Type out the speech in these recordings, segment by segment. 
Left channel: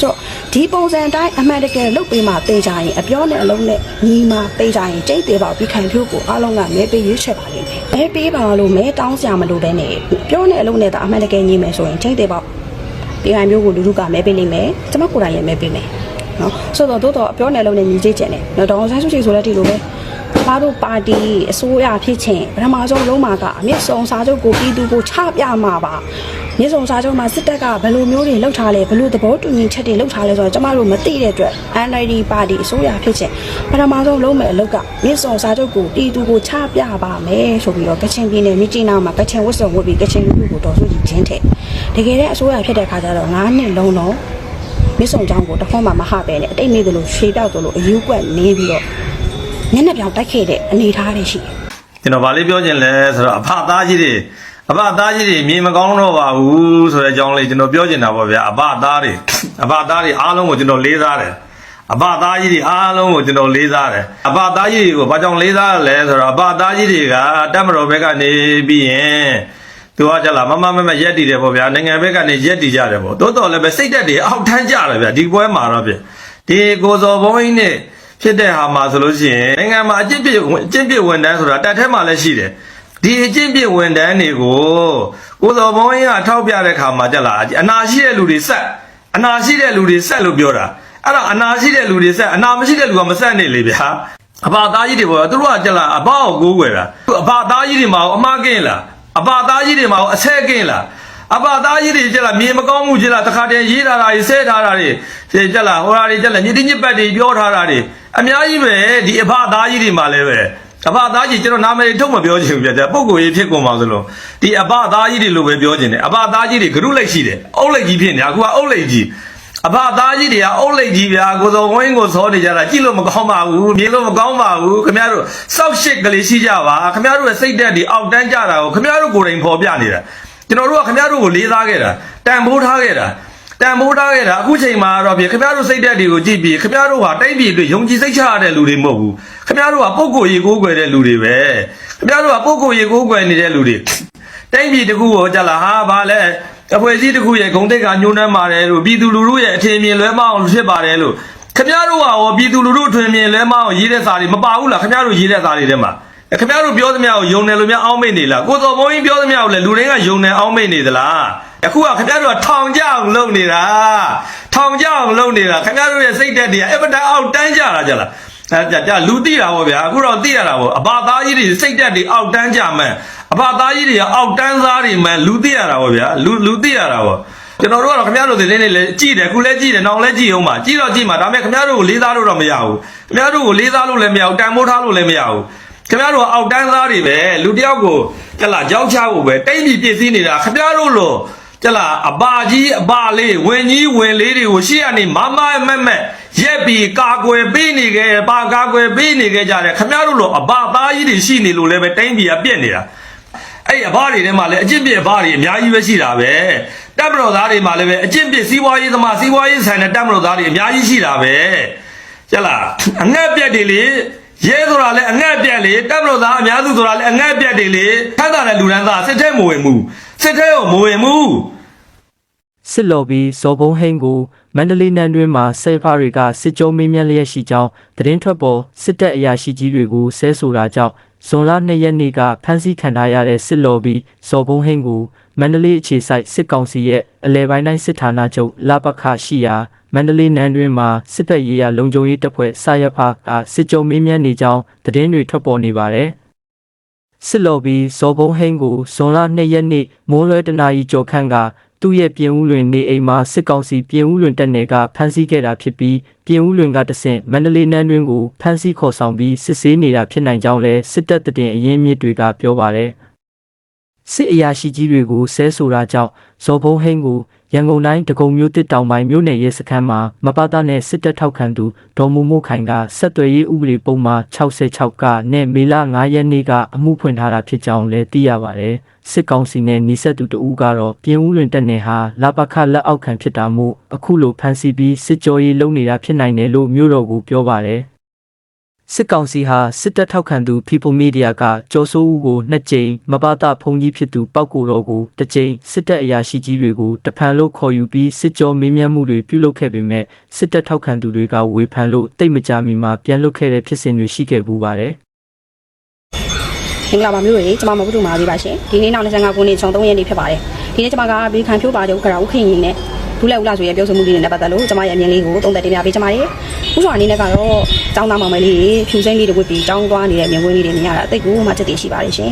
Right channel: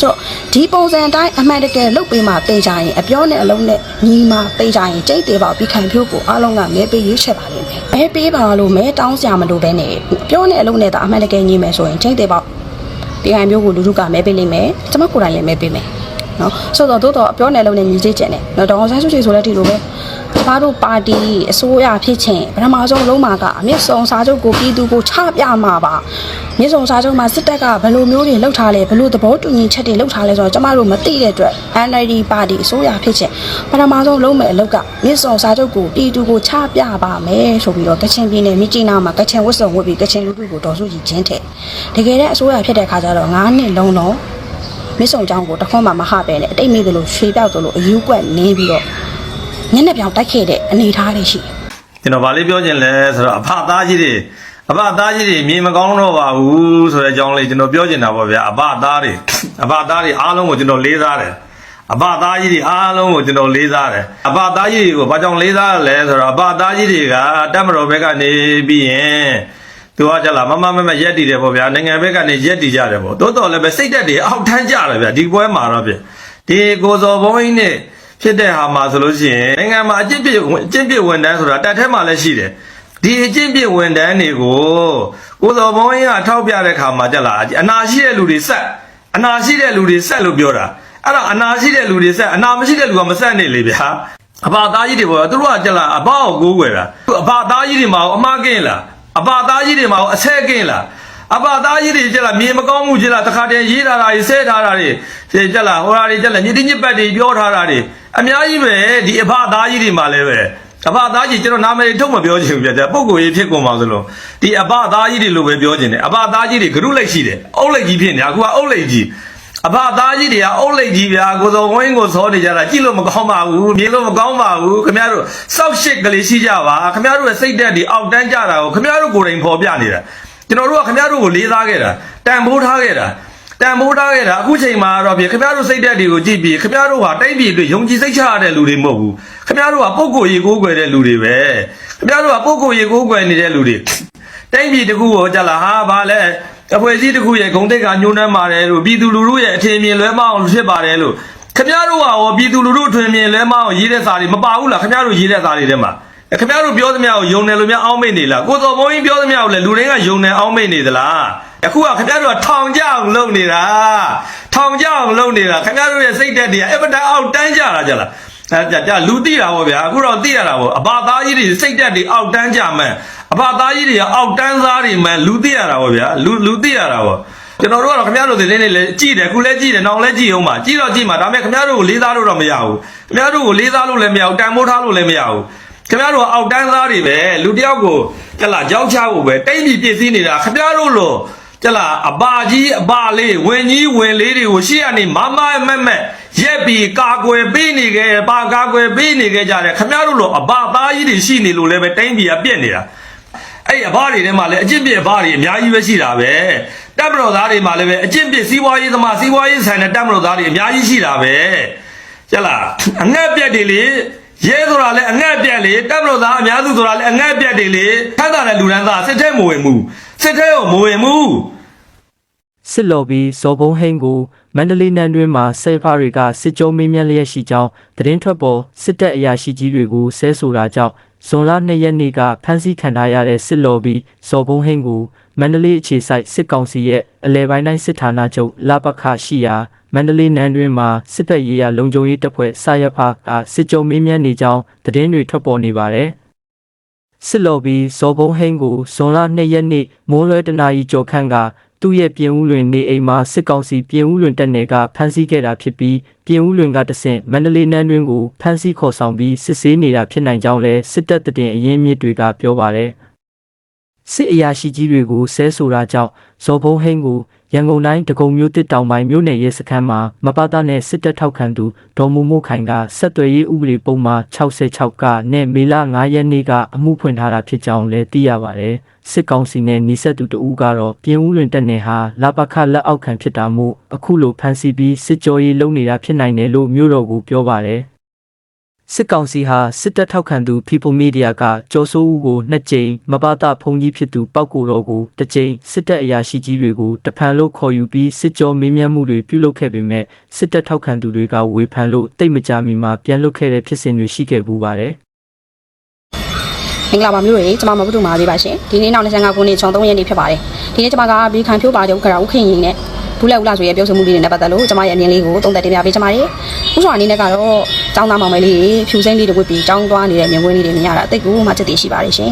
ဆိုတော့ဒီပုံစံအတိုင်းအမှန်တကယ်လုပ်ပေးမှတင်ကြရင်အပြောနဲ့အလုံးနဲ့ညီမှတင်ကြရင်ကျိတ်သေးပါပြီးခံဖြိုးကိုအားလုံးကမဲပေးရွေးချယ်ပါလိမ့်မယ်မဲပေးပါလို့မဲတောင်းစရာမလိုတဲ့နဲ့ပြောနဲ့အလုံးနဲ့ဒါအမှန်တကယ်ညီမယ်ဆိုရင်ကျိတ်သေးပါပြီးခံဖြိုးကိုလူလူကမဲပေးလိမ့်မယ်ကျွန်မကိုယ်တိုင်လည်းမဲပေးမယ်နော်ဆိုတော့တိုးတော့အပြောနဲ့အလုံးနဲ့ညီသေးကျန်တယ်နော်ဒေါအောင်ဆန်းစုကြည်ဆိုတဲ့ဒီလိုပဲ ကျမတို့ပါတီအစိုးရဖြစ်ချင်းပထမဆုံးလုံးမှာကအမြင့်ဆုံးစာချုပ်ကိုပြည်သူကိုချပြမှာပါမြင့်ဆုံးစာချုပ်မှာစစ်တပ်ကဘယ်လိုမျိုးတွေလှုပ်ထားလဲဘယ်လိုသဘောတူညီချက်တွေလှုပ်ထားလဲဆိုတော့ကျမတို့မသိတဲ့အတွက် NLD ပါတီအစိုးရဖြစ်ချင်းပထမဆုံးလုံးမဲ့အလုပ်ကမြင့်ဆုံးစာချုပ်ကိုပြည်သူကိုချပြပါမယ်ဆိုပြီးတော့ကချင်ပြည်နယ်မြစ်ကြီးနားမှာကချင်ဝတ်စုံဝတ်ပြီးကချင်လူထုကိုတော်စုကြည်ချင်းတဲ့တကယ်တဲ့အစိုးရဖြစ်တဲ့ခါကျတော့9နှစ်လုံးလုံးမစ်ဆုံချောင်းကိုတခွန်းမှမဟပဲနဲ့အတိတ်မေ့သလိုရွှေပြောက်သလိုအယူကွက်နေပြီးတော့ ညနေပြောင်တိုက်ခဲ့တဲ့အနေအထားတွေရှိတယ်ကျွန်တော်ဗာလေးပြောချင်လဲဆိုတော့အဖသားကြီးတွေအဖသားကြီးတွေမြင်မကောင်းတော့ပါဘူးဆိုတဲ့အကြောင်းလေးကျွန်တော်ပြောချင်တာပေါ့ဗျာအဖသားတွေအဖသားတွေအားလုံးကိုကျွန်တော်လေးစားတယ်အဖသားကြီးတွေအားလုံးကိုကျွန်တော်လေးစားတယ်အဖသားကြီးတွေကိုဘာကြောင့်လေးစားရလဲဆိုတော့အဖသားကြီးတွေကတက်မတော်ဘက်ကနေပြီးရင်သူကကြလားမမမမရက်တည်တယ်ပေါ့ဗျာနိုင်ငံဘက်ကနေရက်တည်ကြတယ်ပေါ့တိုးတော်လည်းပဲစိတ်သက်တွေအောက်ထမ်းကြတယ်ဗျာဒီပွဲမှာတော့ဗျဒီကိုစော်ဘုံကြီးနဲ့ ဖြစ်တဲ့ဟာမှာဆိုလို့ရှိရင်နိုင်ငံမှာအကျင့်ပြည့်အကျင့်ပြည့်ဝန်တန်းဆိုတာတက်ထဲမှာလည်းရှိတယ်ဒီအကျင့်ပြည့်ဝန်တန်းတွေကိုကိုစော်ဘုံရင်ကထောက်ပြတဲ့ခါမှာကြက်လာအနာရှိတဲ့လူတွေဆက်အနာရှိတဲ့လူတွေဆက်လို့ပြောတာအဲ့တော့အနာရှိတဲ့လူတွေဆက်အနာမရှိတဲ့လူကမဆက်နေလေဗျာအဘသားကြီးတွေပေါ့သူတို့ကကြက်လာအဘကိုကိုးကွယ်တာအဘသားကြီးတွေမှာအမှားကင်းလားအဘသားကြီးတွေမှာအဆဲကင်းလား အပသားကြီးတွေကြက်လာမြေမကောင်းမှုကြက်လာတခါတည်းရေးထားတာတွေဆဲထားတာတွေကြက်လာဟိုဟာတွေကြက်လာညတိညစ်ပတ်တွေပြောထားတာတွေအများကြီးပဲဒီအဖသားကြီးတွေမှာလည်းပဲအဖသားကြီးကျွန်တော်နာမည်ထုတ်မပြောချင်ဘူးပြကြပုံကိုရေးဖြစ်ကုန်ပါသလိုဒီအဖသားကြီးတွေလို့ပဲပြောချင်တယ်အဖသားကြီးတွေဂရုလိုက်ရှိတယ်အုတ်လိုက်ကြီးဖြစ်နေအခုကအုတ်လိုက်ကြီးအဖသားကြီးတွေကအုတ်လိုက်ကြီးဗျာကိုစောဝင်းကိုစောနေကြတာကြည့်လို့မကောင်းပါဘူးမြင်လို့မကောင်းပါဘူးခင်ဗျားတို့စောက်ရှစ်ကလေးရှိကြပါခင်ဗျားတို့ရဲ့စိတ်သက်တွေအောက်တန်းကြတာကိုခင်ဗျားတို့ကိုယ်တိုင်ဖော်ပြနေတာ ကျွန်တော်တို့ကခင်ဗျားတို့ကိုလေးစားခဲ့တာတန်ဖိုးထားခဲ့တာတန်ဖိုးထားခဲ့တာအခုချိန်မှာတော့ပြခင်ဗျားတို့စိတ်သက်တွေကိုကြည့်ပြီးခင်ဗျားတို့ဟာတိုင်းပြည်အတွက်ယုံကြည်စိတ်ချရတဲ့လူတွေမဟုတ်ဘူးခင်ဗျားတို့ကပုံကိုယ်ရေကိုးကွယ်တဲ့လူတွေပဲခင်ဗျားတို့ကပုံကိုယ်ရေကိုးကွယ်နေတဲ့လူတွေတိုင်းပြည်တစ်ခုကိုကြက်လာဟာဗာလဲအဖွဲ့အစည်းတစ်ခုရဲ့ဂုံတိတ်ကညှိုးနှမ်းပါတယ်လို့ပြည်သူလူထုရဲ့အထင်မြင်လွဲမအောင်ဖြစ်ပါတယ်လို့ခင်ဗျားတို့ကရောပြည်သူလူထုအထင်မြင်လွဲမအောင်ရေးတဲ့စာတွေမပါဘူးလားခင်ဗျားတို့ရေးတဲ့စာတွေထဲမှာအဲ ခင်ဗျားတို့ပြောသမျှကိုယုံတယ်လို့များအောင်းမိတ်နေလားကိုစော်ဘုံကြီးပြောသမျှကိုလည်းလူတွေကယုံတယ်အောင်းမိတ်နေသလားအခုကခင်ဗျားတို့ကထောင်ကြအောင်လုပ်နေတာထောင်ကြအောင်လုပ်နေတာခင်ဗျားတို့ရဲ့စိတ်သက်တွေကအပဒအောက်တန်းကြတာကြလားအဲကြကြလူတိတာပေါ့ဗျာအခုတော့တိရတာပေါ့အဘာသားကြီးတွေစိတ်သက်တွေအောက်တန်းကြမှန်အဘာသားကြီးတွေကအောက်တန်းသားတွေမှန်လူတိရတာပေါ့ဗျာလူလူတိရတာပေါ့ကျွန်တော်တို့ကတော့ခင်ဗျားတို့တွေလေးလေးလည်းကြည့်တယ်ခုလည်းကြည့်တယ်နောက်လည်းကြည့်အောင်ပါကြည့်တော့ကြည့်မှာဒါပေမဲ့ခင်ဗျားတို့ကိုလေးစားလို့တော့မရဘူးခင်ဗျားတို့ကိုလေးစားလို့လည်းမရဘူးတန်ဖိုးထားလို့လည်းမရဘူး ခင်ဗျားတို့အောက်တန်းသားတွေပဲလူတစ်ယောက်ကိုကြက်လာကြောက်ချဖို့ပဲတိတ်ပြီးပြည့်စည်နေတာခင်ဗျားတို့လို့ကြက်လာအပါကြီးအပါလေးဝင်ကြီးဝင်လေးတွေကိုရှေ့ကနေမမမက်မက်ရက်ပြီးကာကွယ်ပေးနေခဲ့ပါကာကွယ်ပေးနေခဲ့ကြတယ်ခင်ဗျားတို့လို့အပါသားကြီးတွေရှိနေလို့လည်းပဲတိတ်ပြီးအပြက်နေတာအဲ့အဘတွေထဲမှာလည်းအကျင့်ပြစ်အဘတွေအများကြီးပဲရှိတာပဲတပ်မတော်သားတွေမှာလည်းပဲအကျင့်ပြစ်စီးပွားရေးသမားစီးပွားရေးဆိုင်တဲ့တပ်မတော်သားတွေအများကြီးရှိတာပဲကျက်လားအငှက်ပြက်တွေလေ ရဲဆိုတာလည်းအငှက်ပြက်လေတပ်မတော်သားအများစုဆိုတာလည်းအငှက်ပြက်တွေလေထပ်တာတဲ့လူရန်သားစစ်ထဲမဝင်ဘူးစစ်ထဲကိုမဝင်ဘူးစစ်လော်ဘီဇော်ဘုံဟိန်းကိုမန္တလေးနန်းတွင်မှဆဲဖာတွေကစစ်ကြောမင်းမြတ်လျက်ရှိကြောင်းသတင်းထွက်ပေါ်စစ်တပ်အရာရှိကြီးတွေကိုဆဲဆိုတာကြောင့်ဇွန်လ2ရက်နေ့ကဖမ်းဆီးခံထားရတဲ့စစ်လော်ဘီဇော်ဘုံဟိန်းကိုမန္တလေးအခြေစိုက်စစ်ကောင်စီရဲ့အလဲပိုင်းတိုင်းစစ်ဌာနချုပ်လပခရှိရာ မန္တလေးနန်းတွင်မှစစ်တပ်ရေးရလုံခြုံရေးတပ်ဖွဲ့စရဖာကစစ်ကြောမင်းမြတ်နေကြောင်းသတင်းတွေထွက်ပေါ်နေပါတယ်။စစ်လော်ဘီဇော်ဘုံဟိန်းကိုဇွန်လ2ရက်နေ့မိုးလွဲတနာရီကျော်ခန့်ကသူ့ရဲ့ပြင်ဦးလွင်နေအိမ်မှာစစ်ကောင်စီပြင်ဦးလွင်တပ်နယ်ကဖမ်းဆီးခဲ့တာဖြစ်ပြီးပြင်ဦးလွင်ကတဆင့်မန္တလေးနန်းတွင်ကိုဖမ်းဆီးခေါ်ဆောင်ပြီးစစ်ဆေးနေတာဖြစ်နိုင်ကြောင်းလည်းစစ်တပ်တည်အရင်းမြစ်တွေကပြောပါတယ်စစ်အရာရှိကြီးတွေကိုဆဲဆိုတာကြောင့်ဇော်ဘုံဟိန်းကို ရန်ကုန်တိုင်းဒဂုံမြို့တစ်တောင်ပိုင်းမြို့နယ်ရဲစခန်းမှာမပတာနဲ့စစ်တပ်ထောက်ခံသူဒေါ်မူမိုခိုင်ကဆက်သွယ်ရေးဥပဒေပုံမှား66ကနဲ့မေလ9ရက်နေ့ကအမှုဖွင့်ထားတာဖြစ်ကြောင်းလည်းသိရပါတယ်။စစ်ကောင်စီနဲ့နှိဆက်သူတဦးကတော့ပြင်ဦးလွင်တက်နေဟာလာပခလက်အောက်ခံဖြစ်တာမို့အခုလိုဖမ်းဆီးပြီးစစ်ကြောရေးလုပ်နေတာဖြစ်နိုင်တယ်လို့မြို့တော်ကိုပြောပါတယ်။ စစ်ကောင်စီဟာစစ်တပ်ထောက်ခံသူ People Media ကကြော်စိုးဦးကိုနှစ်ကြိမ်မဘာသာဖုန်ကြီးဖြစ်သူပောက်ကိုတော်ကိုတစ်ကြိမ်စစ်တပ်အရာရှိကြီးတွေကိုတဖန်လို့ခေါ်ယူပြီးစစ်ကြောမေးမြန်းမှုတွေပြုလုပ်ခဲ့ပေမဲ့စစ်တပ်ထောက်ခံသူတွေကဝေဖန်လို့တိတ်မကြမီမှာပြန်လွတ်ခဲ့တဲ့ဖြစ်စဉ်တွေရှိခဲ့ပူပါတယ်မင်္ဂလာပါမျိုးတွေကျွန်မမပုတူမာသေးပါရှင်ဒီနေ့နောက်25ခုနှစ်ချုံ3ရက်နေ့ဖြစ်ပါတယ်ဒီနေ့ကျွန်မကဘေးခံဖြိုးပါတဲ့ဥက္ကရာဥခင်ရင်နဲ့ ဘူးလက်ဥလာဆိုရဲ့ပြောဆိုမှုလေးတွေနဲ့ပတ်သက်လို့ကျွန်မရဲ့အမြင်လေးကိုသုံးသပ်တင်ပြပေးချင်ပါတယ်ဥဆောင်အနေနဲ့ကတော့ចောင်းသားမောင်မယ်လေးဖြူစိမ့်လေးတစ်ခုပြီးចောင်းသွားနေတဲ့မြင်ကွင်းလေးတွေမြင်ရတာအသိကိုမှတည်တည်ရှိပါတယ်ရှင်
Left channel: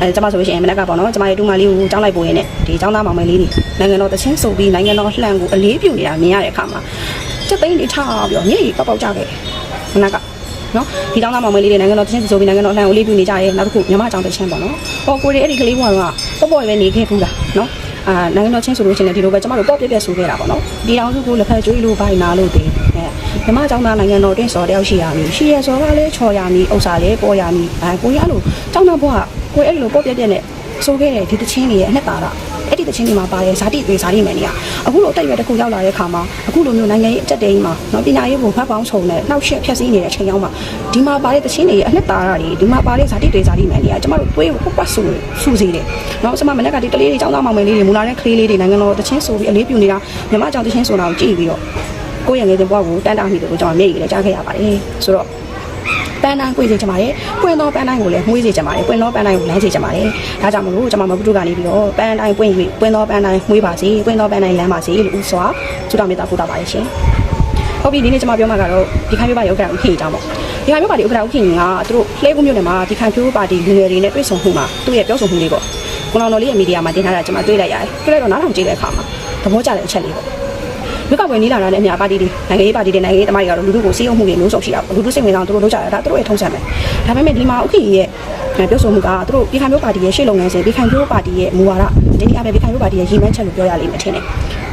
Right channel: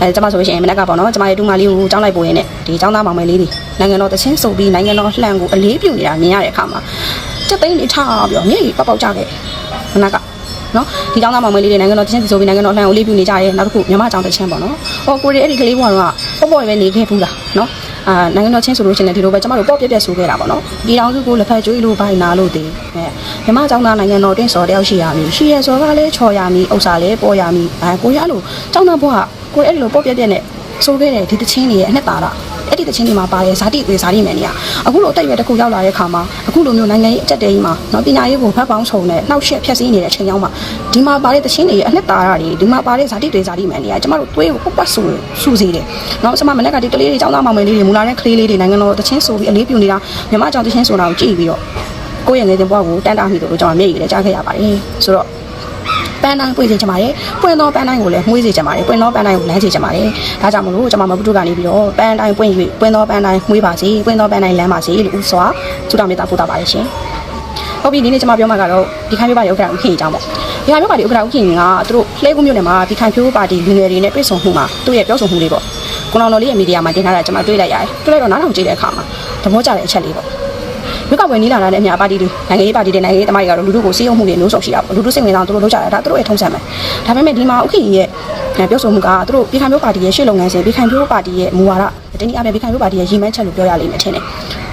အဲကျွန်မဆိုရှင်မနက်ကပေါ့နော်ကျွန်မရဲ့ဒူမာလေးကိုចောင်းလိုက်ပို့ရင်းနဲ့ဒီចောင်းသားမောင်မယ်လေးတွေနိုင်ငံတော်တချင်းစုပ်ပြီးနိုင်ငံတော်လှန်ကိုအလေးပြုနေတာမြင်ရတဲ့အခါမှာချက်သိန်းလေးထားပြီးတော့မျက်ရည်ပေါက်ပေါက်ကြခဲ့ခဏက နော်ဒီကျောင်းသားမောင်မလေးတွေနိုင်ငံတော်ချင်းဆိုပြီးနိုင်ငံတော်လှန်ကိုလေးပြနေကြတယ်နောက်တစ်ခုမြန်မာကျောင်းတစ်ချင်းပေါ့နော်ဟောကိုရီအဲ့ဒီကလေးဘွားကပေါ့ပေါ့ပဲနေခဲ့ဘူးလားနော် အာနိုင်ငံတော်ချင်းဆိုလို့ရှိရင်ဒီလိုပဲကျမတို့ပေါ့ပြက်ပြက်ဆူခဲ့တာပေါ့နော်ဒီတောင်စုကိုလက်ဖက်ကျွေးလို့ဘိုင်နာလို့တည်မြန်မာကျောင်းသားနိုင်ငံတော်တင်းစော်တယောက်ရှိရမည်ရှိရင်စော်ကလည်းချော်ရမည်ဥစ္စာလည်းပေါ်ရမည်အဲကိုရလို့ကျောင်းသားဘွားကကိုအဲ့ဒီလိုပေါ့ပြက်ပြက်နဲ့ဆိုခဲ့တယ်ဒီတချင်းတွေရဲ့အနှစ်သာတော့ အဲ့ဒီတချင်းတွေမှာပါရဲ့ဇာတိတွေဇာတိမယ်နေရအခုလိုအတက်ရွယ်တစ်ခုရောက်လာတဲ့ခါမှာအခုလိုမျိုးနိုင်ငံရေးအတက်တေးကြီးမှာနော်ပညာရေးကိုဘက်ပေါင်းဆောင်နဲ့နှောက်ယှက်ဖြတ်စည်းနေတဲ့အချိန်ရောက်မှာဒီမှာပါတဲ့တချင်းတွေရဲ့အနှစ်သာရတွေဒီမှာပါတဲ့ဇာတိတွေဇာတိမယ်နေရကျမတို့တွေးကိုပါဆိုးစူစီတယ်နော်ဆမမနေ့ကဒီကလေးတွေចောင်းသားမောင်မယ်လေးတွေမူလာတဲ့ကလေးလေးတွေနိုင်ငံတော်တချင်းဆိုပြီးအလေးပြုနေတာမြမကျောင်းတချင်းဆိုတာကိုကြည့်ပြီးတော့ကိုယ့်ရဲ့ငယ်စဉ်ဘဝကိုတန်းတာမိလို့ကျွန်တော်မျက်ရည်လည်းကြားခဲ့ရပါတယ်ဆိုတော့ ပန်းတိုင်းပွင့်စေချင်ပါတယ်။ပွင့်သောပန်းတိုင်းကိုလည်းမှုေးစေချင်ပါတယ်။ပွင့်သောပန်းတိုင်းကိုလမ်းစေချင်ပါတယ်။ဒါကြောင့်မလို့ကျွန်မမပုတုကနေပြီးတော့ပန်းတိုင်းပွင့်၍ပွင့်သောပန်းတိုင်းမှုေးပါစေ။ပွင့်သောပန်းတိုင်းလမ်းပါစေလို့ဥစွာဆုတောင်းမေတ္တာပို့တာပါရဲ့ရှင်။ဟုတ်ပြီဒီနေ့ကျွန်မပြောမှာကတော့ဒီခိုင်မျိုးပါနေဥက္ကဋ္ဌဥခင်ကြီးအကြောင်းပေါ့။ဒီခိုင်မျိုးပါဒီဥက္ကဋ္ဌဥခင်ကြီးကသူတို့လှဲကူးမျိုးနယ်မှာဒီခိုင်ဖြိုးပါတီလူငယ်တွေနဲ့တွေ့ဆုံမှုမှာသူ့ရဲ့ပြောဆိုမှုလေးပေါ့။ကိုလောင်တော်လေးရဲ့မီဒီယာမှာတင်ထားတာကျွန်မတွေ့လိုက်ရတယ်။တွေ့လိုက်တော့နားထောင်ကြည့်တဲ့အခါမှာသဘောကျတဲ့အချက်လေးပေါ့။ ရွက်ကပွဲနီးလာတာနဲ့အများပါတီတွေနိုင်ငံရေးပါတီတွေနိုင်ငံရေးတမိုင်းတွေကတော့လူထုကိုစီးရုံမှုတွေမျိုးစုံရှိတာပေါ့လူထုစိတ်ဝင်စားတော့တို့လုပ်ကြတယ်ဒါသူတို့ရဲ့ထုံးစံပဲဒါပေမဲ့ဒီမှာဥက္ကဋ္ဌရဲ့ပြောဆိုမှုကသူတို့ပြည်ခိုင်မျိုးပါတီရဲ့ရှေ့လုပ်ငန်းစဉ်ပြည်ခိုင်မျိုးပါတီရဲ့မူဝါဒဒီနေ့အပြင်ပြည်ခိုင်မျိုးပါတီရဲ့ရည်မှန်းချက်လို့ပြောရလိမ့်မယ်ထင်တယ်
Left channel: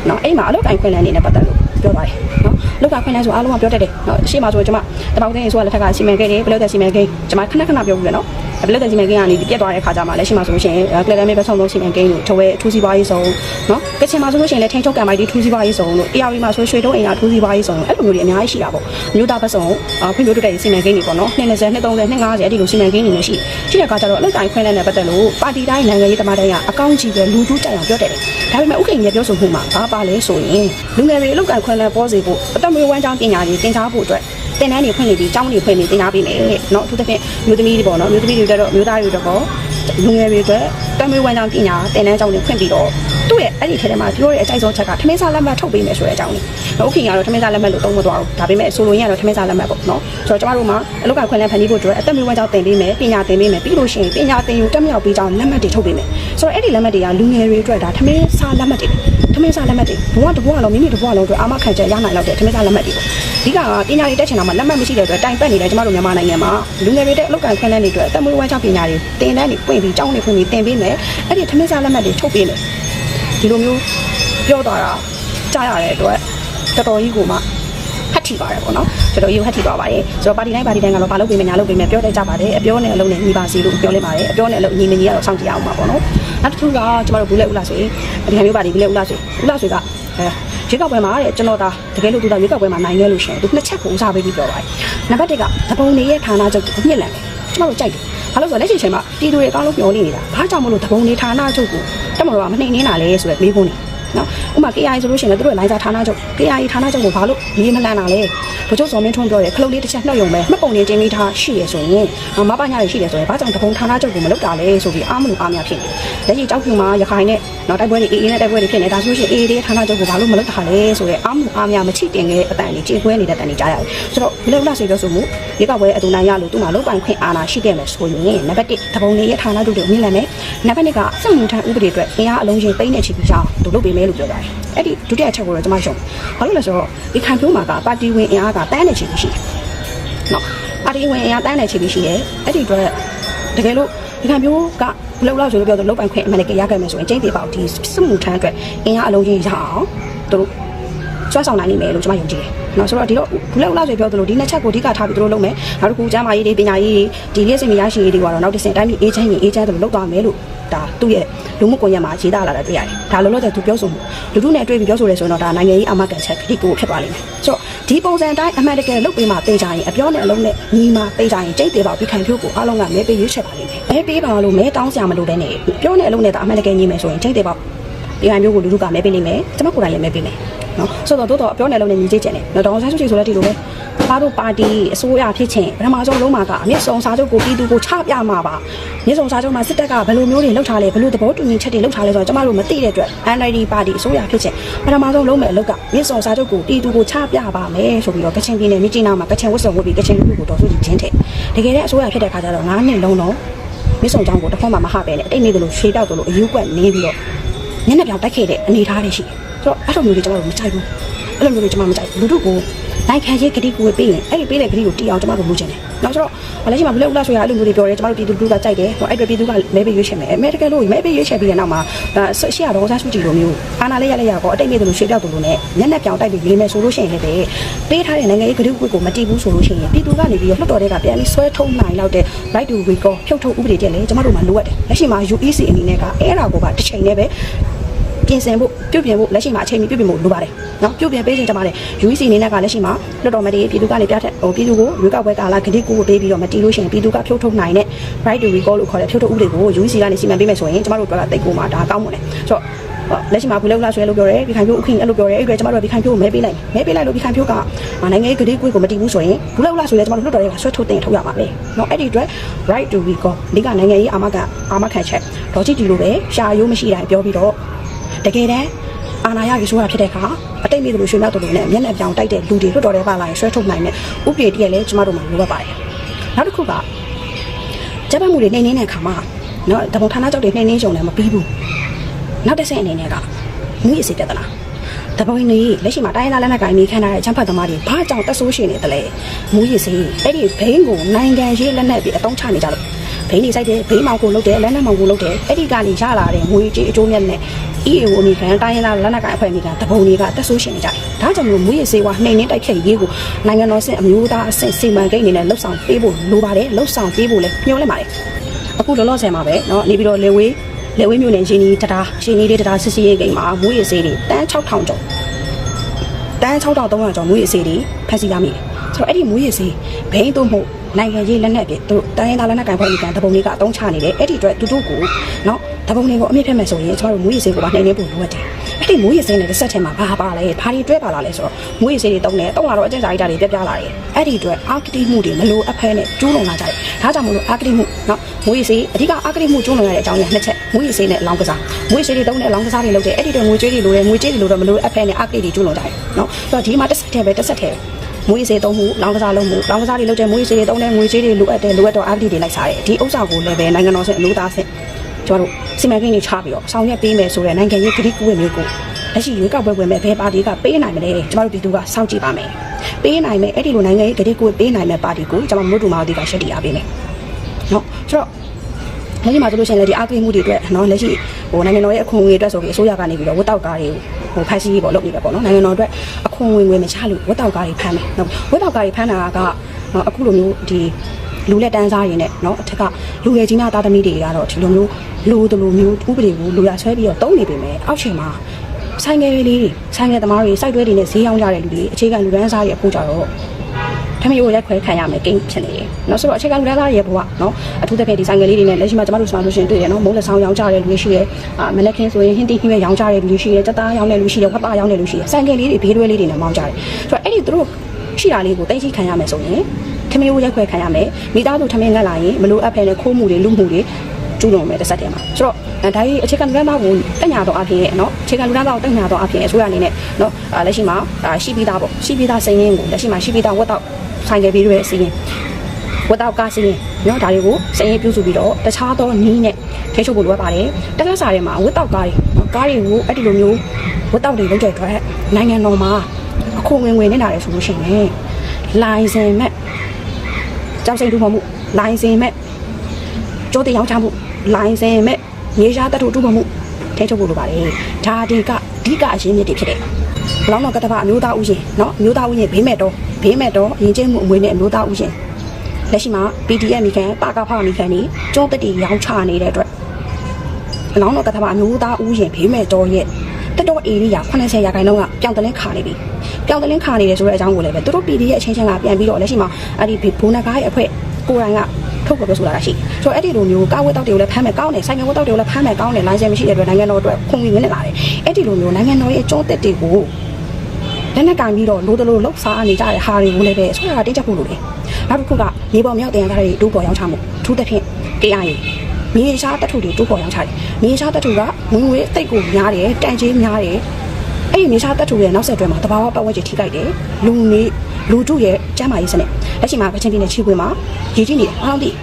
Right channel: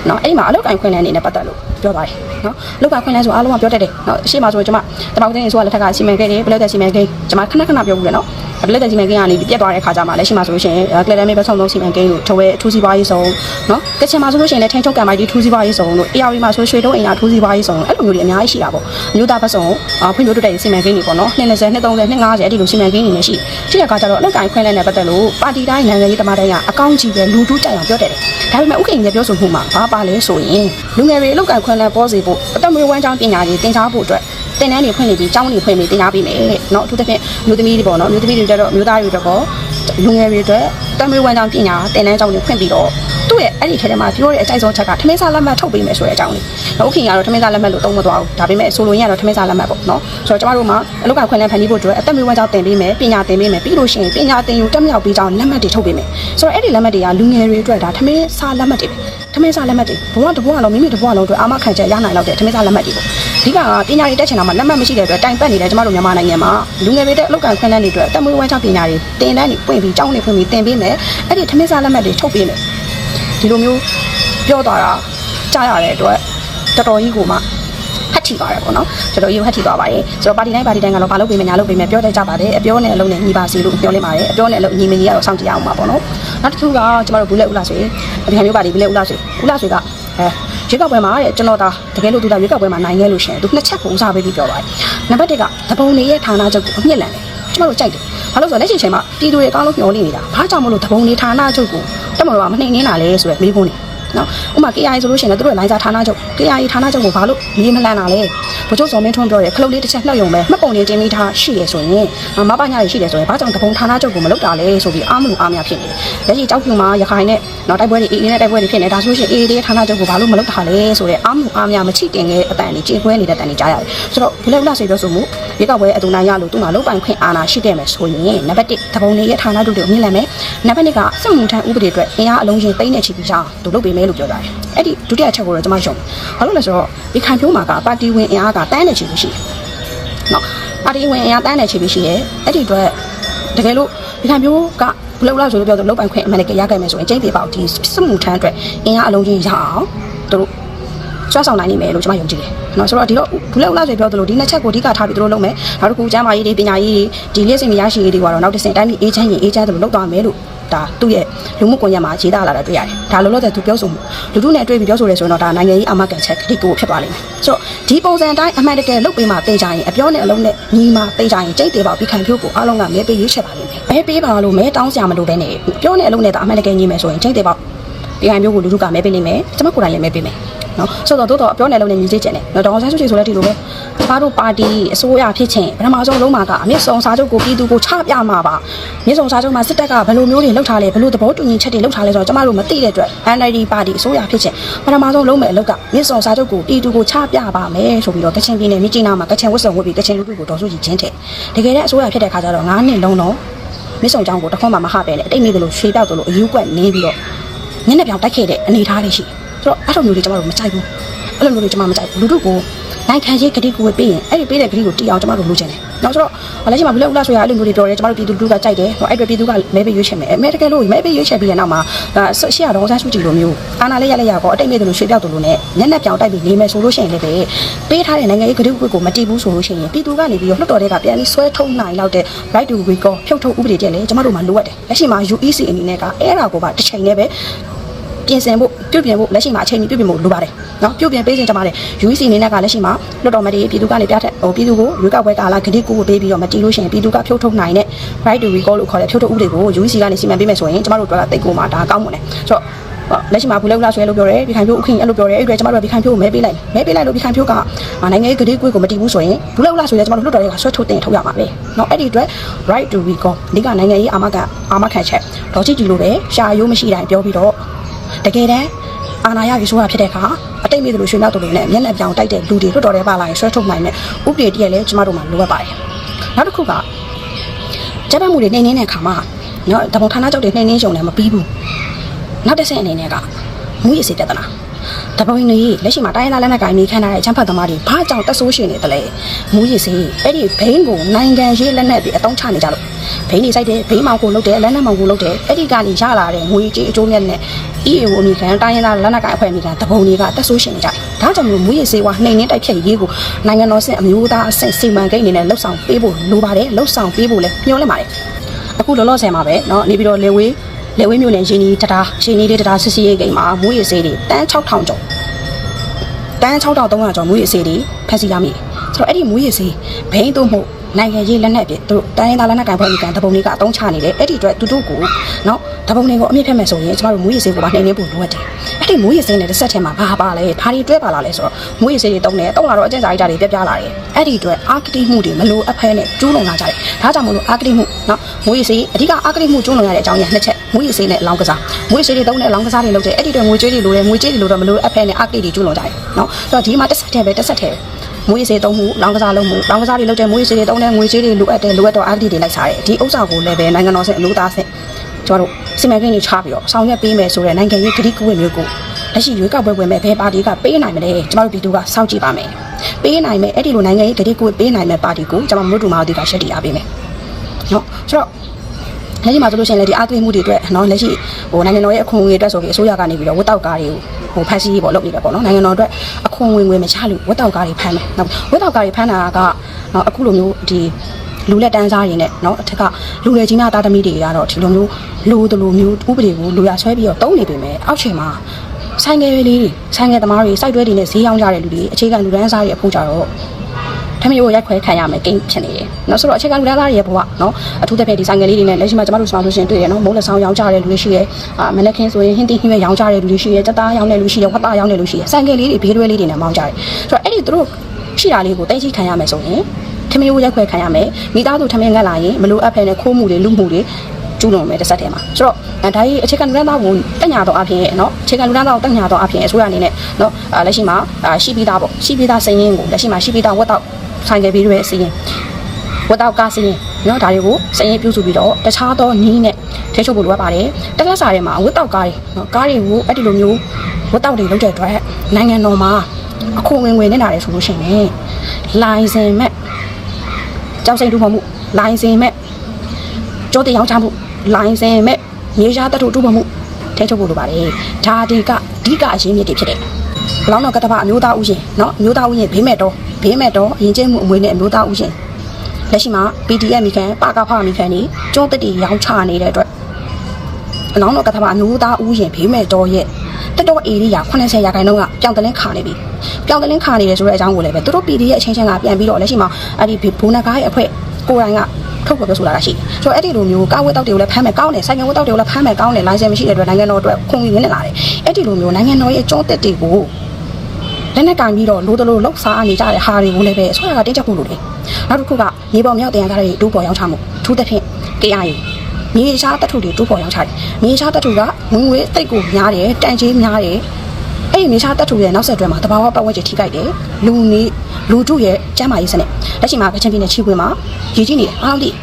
နော်အဲ့ဒီမှာအလောက်ကိုင်ခွင့်လန်းနေနဲ့ပတ်သက်လို့ ပြောပါတယ်နော်အလောက်ကိုင်ခွင့်လန်းဆိုအားလုံးကပြောတတ်တယ်နော်ရှေ့မှာဆိုကျွန်မတပောက်သိန်းဆိုလက်ထက်ကစီမံခဲ့တယ်ဘယ်လိုတဲ့စီမံကိန်းကျွန်မခဏခဏပြောဘူးလေနော်ဘယ်လိုတဲ့စီမံကိန်းကနေပြတ်သွားတဲ့ခါကျမှလည်းရှေ့မှာဆိုလို့ရှိရင်ကလန်ဒန်မြေပတ်ဆောင်ဆုံးစီမံကိန်းလို့ထိုးဝဲထိုးစီပွားရေးဆောင်နော်ကချင်မှာဆိုလို့ရှိရင်လည်းထိန်းချုပ်ကံမိုက်ဒီထိုးစီပွားရေးဆောင်လို့ AR မှာဆိုရွှေတုံးအိမ်ကထိုးစီပွားရေးဆောင်လို့အဲ့လိုမျိုးတွေအများကြီးရှိတာပေါ့အမျိုးသားပတ်ဆောင်ဖွံ့ဖြိုးတိုးတက်ရေးစီမံကိန်းတွေပေါ့နော်220 230 250အဲ့ဒီလိုစီမံကိန်းတွေလည်းရှိရှိတဲ့အခါကျတော့အလုပ်တိုင်းခွင့်လန်းတဲ့ပတ်သက်လို့ပါတီတိုင်းနိုင်ငံရေးတမန်တိုင်းကအကောင့်ကြီးတဲ့လူထုကြိုင်အောင်ပြောတယ်ဒါပေမဲ့ဥက္ကဋ္ဌရဲ့ပြောဆိုမှုမှာဘာပါလဲဆိုရင်လူငယ်တွေအလုပ်ကိုင်ခွင့်လန်းပေါ်စီဖို့အတမွေးဝမ်းချောင်းပညာတွေသင်ကြားဖို့အတွက်တင်တန်းတွေဖွင့်နေပြီးကျောင်းတွေဖွင့်နေတင်ကြားပေးမယ်တဲ့နော်သူတစ်ပြည့်မြို့သမီးတွေပေါ့နော်မြို့သမီးတွေတက်တော့မြို့သားတွေတော့လူငယ်တွေအတွက်အတမွေးဝမ်းချောင်းပညာတင်တန်းကျောင်းတွေဖွင့်ပြီးတော့သူ့ရဲ့အဲ့ဒီထဲထဲမှာပြောတဲ့အကြိုက်ဆုံးချက်ကထမင်းစားလက်မှတ်ထုတ်ပေးမယ်ဆိုတဲ့အကြောင်းလေး။ဥက္ကဋ္ဌကတော့ထမင်းစားလက်မှတ်လို့သုံးမသွားဘူး။ဒါပေမဲ့ဆိုလိုရင်းကတော့ထမင်းစားလက်မှတ်ပေါ့နော်။ဆိုတော့ကျမတို့မှာအလုပ်ကခွင့်လန်းဖန်တီးဖို့အတွက်အသက်မွေးဝမ်းကြောင်းတင်ပေးမယ်ပညာတင်ပေးမယ်ပြီးလို့ရှိရင်ပညာသင်ယူတက်မြောက်ပြီးကြောင်းလက်မှတ်တွေထုတ်ပေးမယ်။ဆိုတော့အဲ့ဒီလက်မှတ်တွေကလူငယ်တွေအတွက်ဒါထမင်းစားလက်မှတ်တွေပဲ။ ထမင်းစားလက်မှတ်တွေဘာမှတဘွားလုံးမိမိတဘွားလုံးအတွက်အာမခံချက်ရနိုင်တော့တဲ့ထမင်းစားလက်မှတ်တွေပေါ့။အဓိကကပညာတွေတက်ချင်တာမှလက်မှတ်မရှိတဲ့အတွက်တိုင်ပတ်နေတဲ့ကျမတို့မြန်မာနိုင်ငံမှာလူငယ်တွေတဲ့အလုပ်ကခွင့်လန်းတွေအတွက်အသက်မွေးဝမ်းကြောင်းပညာတွေတင်တန်းတွေပွင့်ပြီးကျောင်းတွေဖွင့်ပြီးတင်ပေးမယ်။အဲ့ဒီထမင်းစားလက်မှတ်တွေထုတ်ပေးမယ်။ဒီလိုမျိုးပြောသွားတာကြားရတဲ့အတွက်တော်တော်ကြီးကိုမှ ဟတ်ထီပါတယ်ပေါ့နော်တော်တော်ကြီးဟတ်ထီပါပါတယ်ဆိုတော့ပါတီတိုင်းပါတီတိုင်းကတော့ဘာလုပ်ပေးမယ်ညာလုပ်ပေးမယ်ပြောတဲ့ကြပါတယ်အပြောနဲ့အလုံးနဲ့ညီပါစေလို့ပြောလိုက်ပါတယ်အပြောနဲ့အလုံးညီမညီကတော့စောင့်ကြည့်အောင်ပါပေါ့နော်နောက်တစ်ခုကကျမတို့ဘူးလက်ဦးလာဆိုရင်ဒီဟာမျိုးပါတီဘူးလက်ဦးလာဆိုဦးလာဆိုကအဲရွေးကောက်ပွဲမှာတဲ့ကျွန်တော်ဒါတကယ်လို့သူကရွေးကောက်ပွဲမှာနိုင်ခဲ့လို့ရှိရင်သူနှစ်ချက်ပုံစားပေးပြီးပြောပါတယ်နံပါတ်1ကတပုံလေးရဲ့ဌာနချုပ်ကိုမြင့်လန်တယ်ကျမတို့ကြိုက်တယ်ဘာလို့ဆိုတော့လက်ရှိချိန်မှာပြည်သူတွေအားလုံးမျှော်လင့်နေတာဘာကြောင့်မလို့တပုံလေးဌာနချုပ်ကိုတက်မလို့ကမနှိမ်နှင်းတာလဲဆိုရယ်မေးဖို့နေ နော်ဥပမာ KI ဆိုလို့ရှိရင်လည်းသူတို့ရဲ့လိုင်းစာဌာနချုပ် KI ဌာနချုပ်ကိုဘာလို့ရေးမလန်တာလဲဘုချုပ်စော်မင်းထွန်းပြောတယ်ခလုတ်လေးတစ်ချက်လှောက်ရုံပဲမှတ်ပုံတင်တင်မိထားရှိရဆိုရင်မပညာရှိတယ်ဆိုရင်ဘာကြောင့်တပုံဌာနချုပ်ကိုမလုပ်တာလဲဆိုပြီးအားမလို့အားများဖြစ်နေလက်ရှိကြောက်ဖြူမှာရခိုင်နဲ့တော့တိုက်ပွဲတွေအေးအေးနဲ့တိုက်ပွဲတွေဖြစ်နေတာဆိုလို့ရှိရင်အေးအေးရဲ့ဌာနချုပ်ကိုဘာလို့မလုပ်တာလဲဆိုတဲ့အားမလို့အားများမချစ်တင်တဲ့အတန်လေးကြေကွဲနေတဲ့တန်လေးကြားရတယ်ဆိုတော့ဘယ်လောက်လောက်ဆိုပြောဆိုမှုမြေကောက်ပွဲအတူနိုင်ရလို့သူ့မှာလုံးပိုင်ခွင့်အာဏာရှိခဲ့မယ်ဆိုရင်နံပါတ်1တပုံလေးရဲ့ဌာနချုပ်တွေကိုမြင်လန်မယ်နံပါတ်2ကစစ်မှုထမ်းဥပဒေအတွက်အင်အားအလုံးချင်းတိတ်နေချီပြီးကြောင်းသူလုပ်ပေးမယ်လို့ပြောကြတယ်အဲ့ဒီဒုတိယအချက်ကိုတော့ကျွန်မရှုံဘာလို့လဲဆိုတော့ဒီခံဖြိုးမှာကပါတီဝင်အင်အားကတန်းနေချီပြီးရှိတယ်နော်ပါတီဝင်အင်အားတန်းနေချီပြီးရှိတယ်အဲ့ဒီအတွက်တကယ်လို့ဒီခံဖြိုးကဘယ်လောက်လောက်ဆိုလို့ပြောတော့လောက်ပိုင်ခွင့်အမှန်တကယ်ရခဲ့မယ်ဆိုရင်ကျင်းသေးပါအောင်ဒီစစ်မှုထမ်းအတွက်အင်အားအလုံးချင်းရအောင်တို့ကျွမ်းဆောင်နိုင်နိုင်မယ်လို့ကျွန်မယုံကြည်တယ်။နော်ဆိုတော့ဒီတော့ဘူးလောက်လောက်ဆိုပြောသလိုဒီလက်ချက်ကိုအဓိကထားပြီးတို့လုပ်မယ်။နောက်တစ်ခုကျမ်းမာရေးတွေပညာရေးတွေဒီလျှက်စင်မရရှိရေးတွေကတော့နောက်တစ်ဆင့်တိုင်းပြည်အေဂျင့်ရင်အေဂျင့်တို့လုပ်သွားမယ်လို့ ဒါသူ့ရဲ့လူမှုကွန်ရက်မှာကြီးတာလာတာတွေ့ရတယ်ဒါလုံးလုံးတဲ့သူပြောဆိုလူထုနဲ့တွေ့ပြီးပြောဆိုရဲဆိုရင်တော့ဒါနိုင်ငံရေးအမကန်ချက်ခတိကိုဖြစ်သွားလိမ့်မယ်ဆိုတော့ဒီပုံစံအတိုင်းအမှန်တကယ်လုပ်ပေးမှတေးကြရင်အပြောနဲ့အလုံးနဲ့ညီမှတေးကြရင်ကျိတ်တေပါပြီးခံဖြုတ်ကိုအားလုံးကမဲပေးရွေးချယ်ပါလိမ့်မယ်မဲပေးပါလို့မဲတောင်းစရာမလိုဘဲနဲ့ပြောနဲ့အလုံးနဲ့ဒါအမှန်တကယ်ညီမယ်ဆိုရင်ကျိတ်တေပါဒီဟာမျိုးကိုလူထုကမဲပေးလိမ့်မယ်ကျွန်မကိုယ်တိုင်လည်းမဲပေးမယ် နော်ဆိုတော့တို့တော့အပြောနဲ့လုံးနဲ့ညီစေချင်တယ်နော်ဒေါ်အောင်ဆန်းစုကြည်ဆိုလည်းဒီလိုပဲဘာတို့ပါတီအစိုးရဖြစ်ချင်းပထမဆုံးလုံးမှာကအမြင့်ဆုံးစာချုပ်ကိုပြည်သူကိုချပြမှာပါမြင့်ဆုံးစာချုပ်မှာစစ်တပ်ကဘယ်လိုမျိုးတွေလုပ်ထားလဲဘယ်လိုသဘောတူညီချက်တွေလုပ်ထားလဲဆိုတော့ကျွန်မတို့မသိတဲ့အတွက် NLD ပါတီအစိုးရဖြစ်ချင်းပထမဆုံးလုံးမယ်အလုပ်ကမြင့်ဆုံးစာချုပ်ကိုပြည်သူကိုချပြပါမယ်ဆိုပြီးတော့ကချင်ပြည်နယ်မြစ်ကြီးနားမှာကချင်ဝတ်စုံဝတ်ပြီးကချင်လူမျိုးကိုတော်စုကြည်ချင်းထင်တကယ်နဲ့အစိုးရဖြစ်တဲ့ခါကျတော့9နှစ်လုံးလုံးမြင့်ဆုံးကြောင်းကိုတစ်ခွန်းမှမဟပဲလေအတိတ်နေ့ကလို့ရှေးပြောက်တယ်လို့အယူကွက်နေပြီးတော့ညနေပြောင်တိုက်ခဲ့တဲ့အနေအထားတွေရှိတယ် ဆိုတော့အဲ့လိုမျိုးတွေကျွန်တော်တို့မကြိုက်ဘူးအဲ့လိုမျိုးတွေကျွန်တော်မကြိုက်ဘူးလူတို့ကိုနိုင်ခံရေးဂတိကိုပေးရင်အဲ့ဒီပေးတဲ့ဂတိကိုတီအောင်ကျွန်တော်တို့လုပ်ချင်တယ်နောက်ဆိုတော့လက်ရှိမှာဘလက်ဥလားဆိုရင်အဲ့လိုမျိုးတွေပြောတယ်ကျွန်တော်တို့ပြည်သူလူထုကကြိုက်တယ်အဲ့အတွက်ပြည်သူကမဲပေးရွေးချယ်မယ်အမေရိကန်လို့မဲပေးရွေးချယ်ပြီးတဲ့နောက်မှာဒါအရှိရတော့စားစုကြည့်လိုမျိုးအာနာလေးရလေးရပေါ့အတိတ်မြေတို့ရွှေပြောက်တယ်လို့နဲ့ညနေပြောင်တိုက်ပြီးနေမယ်ဆိုလို့ရှိရင်လည်းပေးထားတဲ့နိုင်ငံရေးဂတိကိုမတည်ဘူးဆိုလို့ရှိရင်ပြည်သူကနေပြီးတော့လွှတ်တော်တွေကပြန်ပြီးဆွဲထုံနိုင်လောက်တဲ့ right to recall ဖြုတ်ထုတ်ဥပဒေတည်းလည်းကျွန်တော်တို့မှာလိုအပ်တယ်လက်ရှိမှာ UEC အနေနဲ့ကအဲ့ဒါကိုမှတစ်ချိန်နဲ့ပဲပြင်ဆင်ဖို့ ပြုပြင်ဖို့လက်ရှိမှာအချိန်ကြီးပြုပြင်ဖို့လိုပါတယ်။နော်ပြုပြင်ပေးခြင်းကြပါတယ်။ UEC အနေနဲ့ကလက်ရှိမှာလွှတ်တော်မတီးပြည်သူကနေပြထက်ဟိုပြည်သူကိုရွေးကောက်ပွဲကာလဂတိကူကိုပေးပြီးတော့မတီးလို့ရှိရင်ပြည်သူကဖြုတ်ထုတ်နိုင်တဲ့ right to recall လို့ခေါ်တဲ့ဖြုတ်ထုတ်ဥပဒေကို UEC ကနေစီမံပေးမယ်ဆိုရင်ကျမတို့ကတိတ်ကူမှာဒါကောင်းပါလေ။ဆိုတော့လက်ရှိမှာဘူးလုံးလားဆွဲလို့ပြောတယ်ပြည်ခိုင်ဖြိုးဥခင်အဲ့လိုပြောတယ်အဲ့ဒါကျမတို့ကပြည်ခိုင်ဖြိုးမဲပေးလိုက်မဲပေးလိုက်လို့ပြည်ခိုင်ဖြိုးကနိုင်ငံရေးဂတိကူကိုမတီးဘူးဆိုရင်ဘူးလုံးလားဆွဲလဲကျမတို့လွှတ်တော်တွေကဆွဲထုတ်တင်ထုတ်ရပါပဲ။နော်အဲ့ဒီအတွက် right to recall ဒီကနိုင်ငံရေးအာမခံအာမခံချက်ဒေါ်ချစ်ကြည်လိုပဲရှာရိုးမရှိတိုင်းပြောပြီးတော့တကယ်တမ်း အာဏာရပြီဆိုတာဖြစ်တဲ့အခါအတိတ်မြေသူလူရွှေနောက်သူလူနဲ့မျက်နှာပြောင်တိုက်တဲ့လူတွေလွတ်တော်တွေပါလာရင်ဆွဲထုတ်နိုင်တဲ့ဥပဒေတည်းလည်းကျမတို့မှာလိုအပ်ပါတယ်။နောက်တစ်ခုကဂျပန်မှုတွေနှိမ့်နေတဲ့အခါမှာနော်တပုံဌာနချုပ်တွေနှိမ့်နေကြုံလည်းမပြီးဘူး။နောက်တစ်ဆင့်အနေနဲ့ကမူရစီတက်သလား။တပုံနေလက်ရှိမှာတိုင်းရင်းသားလက်နက်ကိုင်ပြီးခံထားတဲ့ချမ်းဖတ်သမားတွေဘာကြောင့်တက်ဆိုးရှင်နေတယ်လဲ။မူရစီအဲ့ဒီဘိန်းကိုနိုင်ငံရေးလက်နက်တွေအသုံးချနေကြလို့ဘိန်းနေဆိုင်တယ်ဘိန်းမောင်ကိုလုပ်တယ်လက်နက်မောင်ကိုလုပ်တယ်အဲ့ဒီကနေရလာတဲ့ငွေကြီးအကျိုးမြတ်နဲ့ EAO အမိခံတိုင်းရင်းသားလက်နက်ကိုင်အဖွဲ့အမိခံတပုံတွေကတက်ဆိုးရှင်နေကြတယ်။ဒါကြောင့်မို့မူရစေဝါနှိမ်နှင်းတိုက်ဖြတ်ရေးကိုနိုင်ငံတော်ဆက်အမျိုးသားအဆင့်စီမံကိန်းအနေနဲ့လှုပ်ဆောင်ပေးဖို့လိုပါတယ်လှုပ်ဆောင်ပေးဖို့လည်းညှို့လဲပါတယ်။အခုလောလောဆယ်မှာပဲเนาะနေပြီးတော့လေဝေးလေဝေးမျိုးနဲ့ရှင်ဒီတတာရှင်ဒီလေးတတာစစ်စီရေးကိန်းမှာမူရစေတွေတန်း6000ကျော်တန်း6300ကျော်မူရစေတွေဖက်စီလာမိတယ်။ ကျွန်တော်အဲ့ဒီမွေးရစီဘိန်းတို့ဖို့နိုင်ငံရေးလက်နက်တွေသူတိုင်းရင်းသားလက်နက်ကိုင်ပွဲအမေရိကန်တပုံလေးကအတုံးချနေတယ်အဲ့ဒီအတွက်သူတို့ကိုနော်တပုံလေးကိုအမြင့်ဖြတ်မယ်ဆိုရင်ကျွန်တော်တို့မွေးရစီကိုပါနိုင်နေဖို့လိုအပ်တယ်အဲ့ဒီမွေးရစီနဲ့တစ်ဆက်ထဲမှာဘာပါလဲဘာတွေတွဲပါလာလဲဆိုတော့မွေးရစီတွေတုံးတယ်တုံးလာတော့အကျင့်စာရိုက်တာတွေပြပြလာတယ်အဲ့ဒီအတွက်အာကတိမှုတွေမလိုအပ်ဖဲနဲ့ကျိုးလုံလာကြတယ်ဒါကြောင့်မလို့အာကတိမှုနော်မွေးရစီအဓိကအာကတိမှုကျိုးလုံရတဲ့အကြောင်းကနှစ်ချက်မွေးရစီနဲ့အလောင်းကစားမွေးရစီတွေတုံးတယ်အလောင်းကစားတွေလုပ်တယ်အဲ့ဒီအတွက်ငွေကြေးတွေလိုတယ်ငွေကြေးတွေလိုတော့မလိုအပ်ဖဲနဲ့အာကတိတွေကျိုးလုံကြတယ်နော်အဲ့တော့ဒီမှာတစ်ဆက်ထဲပဲတစ်ဆက်ထဲပဲ မွေးစေသုံးမှုလောင်းကစားလုံးမှုလောင်းကစားတွေလုပ်တဲ့မွေးစေတွေသုံးတဲ့ငွေကြေးတွေလိုအပ်တယ်လိုအပ်တော့အပ်တွေလိုက်စားတယ်ဒီဥစ္စာကိုလည်းပဲနိုင်ငံတော်ဆက်အလို့သားဆက်ကျွန်တော်တို့စီမံကိန်းတွေချပြီးတော့ဆောင်ရွက်ပေးမယ်ဆိုတဲ့နိုင်ငံရေးဂတိကူးဝယ်မျိုးကိုလက်ရှိရွေးကောက်ပွဲဝင်မဲ့ဘယ်ပါတီကပေးနိုင်မလဲကျွန်တော်တို့ပြည်သူကစောင့်ကြည့်ပါမယ်ပေးနိုင်မယ်အဲ့ဒီလိုနိုင်ငံရေးဂတိကူးပေးနိုင်မဲ့ပါတီကိုကျွန်တော်တို့ဒူမာတီကရှက်တီအားပေးမယ်နော်ဆိုတော့ လက်ရှိမှာဆိုလို့ရှိရင်လည်းဒီအာကိမှုတွေအတွက်နော်လက်ရှိဟိုနိုင်ငံတော်ရဲ့အခွင့်အရေးအတွက်ဆိုပြီးအစိုးရကနေပြီးတော့ဝတ်တောက်ကားတွေဟိုဖန်စီပေါ့လုပ်နေတယ်ပေါ့နော်နိုင်ငံတော်အတွက်အခွင့်အရေးဝင်မချလို့ဝတ်တောက်ကားတွေဖမ်းမယ်နော်ဝတ်တောက်ကားတွေဖမ်းတာကအခုလိုမျိုးဒီလူလက်တန်းစားရည်နဲ့เนาะအထက်ကလူတွေကြီးနာသားသမီးတွေကတော့ဒီလိုမျိုးလူတလူမျိုးဥပဒေကိုလူရဆွဲပြီးတော့တုံးနေပြီမယ်အောက်ချိန်မှာဆိုင်ငယ်လေးတွေဆိုင်ငယ်သမားတွေစိုက်တွဲတွေနဲ့ဈေးရောက်ကြတဲ့လူတွေအခြေခံလူတန်းစားတွေအဖို့ကြတော့ ထမင်းကိုရိုက်ခွဲခံရမယ်ဂိမ်းဖြစ်နေတယ်။နောက်ဆိုတော့အခြေခံလူတန်းစားတွေရဲ့ဘဝเนาะအထူးသဖြင့်ဒီဆိုင်ငယ်လေးတွေနဲ့လက်ရှိမှာကျမတို့ဆောင်လို့ရှိရင်တွေ့ရနော်မုန်းလက်ဆောင်ရောင်းကြတဲ့လူတွေရှိရဲအာမနက်ခင်းဆိုရင်ဟင်းတီဟင်းပဲရောင်းကြတဲ့လူတွေရှိရဲတက်သားရောင်းတဲ့လူရှိရဲဝတ်သားရောင်းတဲ့လူရှိရဲဆိုင်ငယ်လေးတွေဘေးတွဲလေးတွေနဲ့မောင်းကြတယ်။ဆိုတော့အဲ့ဒီသူတို့ရှိတာလေးကိုတိတ်ချိခံရမယ်ဆိုရင်ထမင်းကိုရိုက်ခွဲခံရမယ်မိသားစုထမင်းငတ်လာရင်မလိုအပ်ဖဲနဲ့ခိုးမှုတွေလူမှုတွေကျူးလွန်မယ်တစ်ဆက်တည်းမှာဆိုတော့ဒါကြီးအခြေခံလူတန်းသားကိုတက်ညာတော့အဖြစ်เนาะအခြေခံလူတန်းသားကိုတက်ညာတော့အဖြစ်အစိုးရအနေနဲ့เนาะလက်ရှိမှာရှိပြီးသားပေါ့ရှိပြီးသားစည်ရင်းကိုလက်ရှိမှာရှိပြီးသားဝတ်တော့ ဆိုင်ကယ်ပြီးရဲစီးရင်ဝတ်တော့ကားစီးရင်နော်ဒါတွေကိုစရင်ပြုစုပြီးတော့တခြားသောနည်းနဲ့ထဲချုပ်ဖို့လိုအပ်ပါတယ်တက္ကစာတွေမှာဝတ်တော့ကားတွေနော်ကားတွေကိုအဲ့ဒီလိုမျိုးဝတ်တော့တွေလုပ်တဲ့အတွက်နိုင်ငံတော်မှာအခုဝင်ဝင်နေတာလေဆိုလို့ရှိရင်လိုင်စင်မဲ့ကြောက်စိတ်ထူမမှုလိုင်စင်မဲ့ကြောတဲ့ရောက်ချမှုလိုင်စင်မဲ့ရေရှားတတ်ထူထူမမှု ထဲထုတ်ဖို့လိုပါတယ်ဒါဒီကအဓိကအရှင်းမြစ်တွေဖြစ်တယ်ဘလောင်းတော်ကတ္တပအမျိုးသားဥယျာဉ်เนาะအမျိုးသားဥယျာဉ်ဘေးမဲ့တော့ဘေးမဲ့တော့အရင်ကျင်းမှုအမွေနဲ့အမျိုးသားဥယျာဉ်လက်ရှိမှာ PDF မိခံပါကဖမိခံနေကျိုးတက်တွေရောင်းချနေတဲ့အတွက် အလောင်းတော်ကထမအမျိုးသားဦးရင်ဘေးမဲ့တော်ရဲ့တက်တော်အေရီယာ80ရာခိုင်နှုန်းကပြောင်းတလင်းခါနေပြီပြောင်းတလင်းခါနေတယ်ဆိုတဲ့အကြောင်းကိုလည်းပဲသူတို့ပြည်ရဲ့အချင်းချင်းကပြန်ပြီးတော့လက်ရှိမှာအဲ့ဒီဘိုးနဂါးရဲ့အဖွဲ့ ကိုယ်တိုင်ကထုတ်ဖော်ပြောဆိုတာရှိဆိုတော့အဲ့ဒီလိုမျိုးကာဝတ်တောက်တွေကိုလည်းဖမ်းမယ်ကောင်းတယ်ဆိုင်ကဝတ်တောက်တွေကိုလည်းဖမ်းမယ်ကောင်းတယ်လိုင်စင်မရှိတဲ့အတွက်နိုင်ငံတော်အတွက်ခွင့်ပြုဝင်လာတယ်အဲ့ဒီလိုမျိုးနိုင်ငံတော်ရဲ့ကြောတက်တွေကိုလက်နဲ့ကင်ပြီးတော့လိုတလုံးလောက်စားနေကြတဲ့ဟာတွေကိုလည်းပဲဆွဲရတာတင်းကျပ်ဖို့လိုတယ်။နောက်တစ်ခုကမြေပေါ်မြောက်တရားကြတဲ့ဒူးပေါ်ရောက်ချမှုထူးသဖြင့်တရားရည်မြေရှားတထုတွေဒူးပေါ်ရောက်ချတယ်။မြေရှားတထုကငွေငွေတိတ်ကိုများတယ်တန်ကြီးများတယ်။အဲ့ဒီမြေရှားတထုရဲ့နောက်ဆက်တွဲမှာတဘာဝပတ်ဝန်းကျင်ထိခိုက်တယ်။လူနေ လူထုရဲ့ကျန်းမာရေးစနစ်လက်ရှိမှာကချင်ပြည်နယ်ချီခွေမှာရေကြီးနေတယ်အားလေး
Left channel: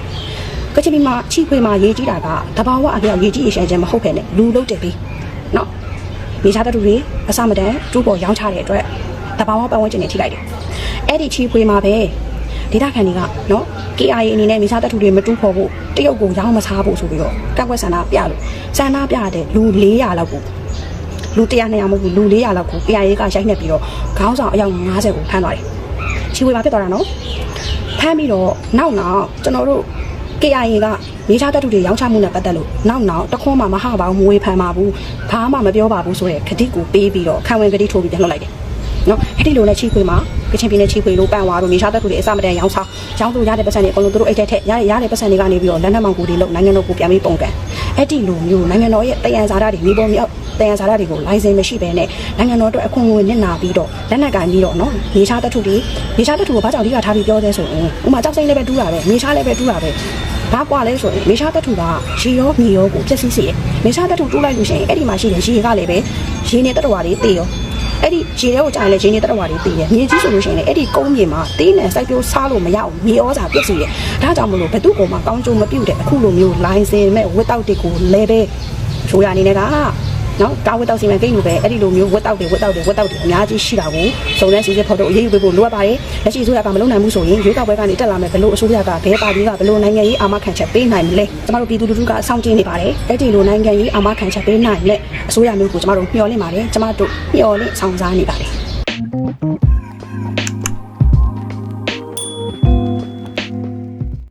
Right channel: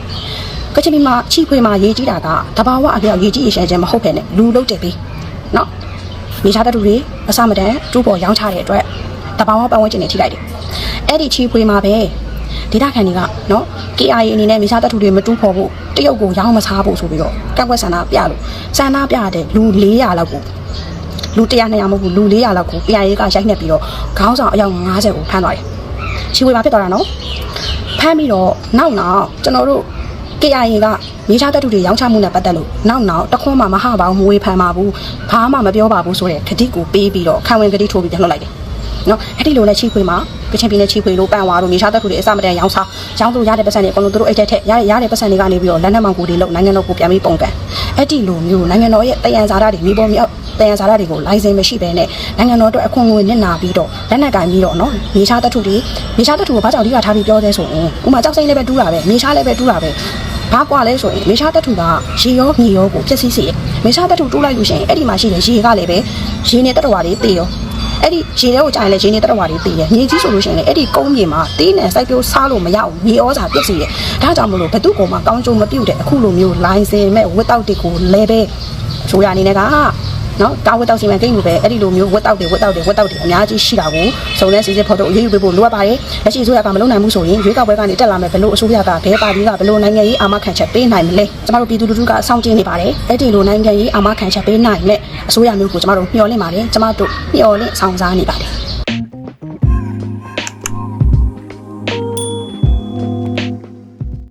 ကချင်ပြည်မှာချီခွေမှာရေကြီးတာကတဘာဝအပြောက်ရေကြီးရေရှမ်းခြင်းမဟုတ်ဘဲနဲ့လူလုံးတက်ပြီးနော်မြေရှားတတူတွေအစမတန်ကျိုးပေါ်ရောက်ချတဲ့အတွက်တဘာဝပတ်ဝန်းကျင်တွေထိလိုက်တယ်။အဲ့ဒီချီဖွေမှာပဲဒေတာခန်တွေကနော် KIA အနေနဲ့မြေရှားတတူတွေမတိုးဖို့ဖို့တရုတ်ကိုရောင်းမစားဖို့ဆိုပြီးတော့ကက်ကွက်ဆန္ဒပြလို့ဆန္ဒပြတဲ့လူ400လောက်ကိုလူ100 200မဟုတ်ဘူးလူ400လောက်ကို KIA ကရိုက်နှက်ပြီးတော့ခေါင်းဆောင်အယောက်90ကိုဖမ်းသွားတယ်။ ချီဖွေမှာဖြစ်သွားတာနော်။ဖမ်းပြီးတော့နောက်နောက်ကျွန်တော်တို့ KIA ကမြေရှားတပ်ထုတွေရောင်းချမှုနဲ့ပတ်သက်လို့နောက်နောက်တခွန်းမှမဟပါဘူးမဝေဖန်ပါဘူးဘာမှမပြောပါဘူးဆိုတဲ့ခတိကိုပေးပြီးတော့ခံဝင်ခတိထိုးပြီးပြန်လွှတ်လိုက်တယ် နော်အဲ့ဒီလိုနဲ့ချိခွေမှာကချင်ပြည်နယ်ချိခွေလို့ပန်သွားလို့မြေရှားတပ်ထုတွေအစမတန်ရောင်းစားရောင်းစုရတဲ့ပတ်စံတွေအကုန်လုံးသူတို့အိတ်ထက်ထက်ရတဲ့ရတဲ့ပတ်စံတွေကနေပြီးတော့လက်နက်မောင်ကိုတွေလောက်နိုင်ငံတော်ကိုပြန်ပြီးပုံကန်အဲ့ဒီလိုမျိုးနိုင်ငံတော်ရဲ့တယံဇာတာတွေမြေပုံမြေတယံဇာတာတွေကိုလိုင်စင်မရှိဘဲနဲ့နိုင်ငံတော်အတွက်အခွင့်အရေးနစ်နာပြီးတော့လက်နက်ကင်ပြီးတော့နော်မြေရှားတပ်ထုတွေမြေရှားတပ်ထုကဘာကြောင့်ဒီကထားပြီးပြောသေးဆိုရင်ဥမာကြောက်စိမ့်လေးပဲတူးတာပဲမြေရှားလေးပဲတူးတာပဲဘာကွာလဲဆိုရင်မေရှားတထုကရေရောမြေရောကိုဖြစ်စီစီမေရှားတထုတူးလိုက်လို့ရှိရင်အဲ့ဒီမှာရှိတဲ့ရေကလည်းပဲရေနေတတဝါတွေတေးရော အဲ့ဒီရေရောကိုကြာရင်လည်းရေနေတတဝါတွေတေးရမြေကြီးဆိုလို့ရှိရင်အဲ့ဒီကုန်းမြေမှာတေးနဲ့စိုက်ပျိုးစားလို့မရအောင်မြေဩဇာပြည့်စုံရဒါကြောင့်မလို့ဘယ်သူ့ကိုမှကောင်းကျိုးမပြုတ်တဲ့အခုလိုမျိုးလိုင်းစင်မဲ့ဝတ်တောက်တီကိုလည်းပဲဆိုရအနေနဲ့က နော်တာဝတ်တောက်စီမံကိန်းကိုပဲအဲ့ဒီလိုမျိုးဝတ်တောက်တွေဝတ်တောက်တွေဝတ်တောက်တွေအများကြီးရှိတာကိုစုံစမ်းစစ်ဆေးဖော်ထုတ်အရေးယူပေးဖို့လိုအပ်ပါတယ်လက်ရှိအစိုးရကမလုပ်နိုင်ဘူးဆိုရင်ရွေးကောက်ပွဲကနေတက်လာမယ်ဘလို့အစိုးရကဘေးပါတီကဘလို့နိုင်ငံရေးအာမခံချက်ပေးနိုင်မလဲကျမတို့ပြည်သူလူထုကအဆောင်ကျင်းနေပါတယ်အဲ့ဒီလိုနိုင်ငံရေးအာမခံချက်ပေးနိုင်မဲ့အစိုးရမျိုးကိုကျမတို့မျှော်လင့်ပါတယ်ကျမတို့မျှော်လင့်ဆောင်စားနေပါတယ်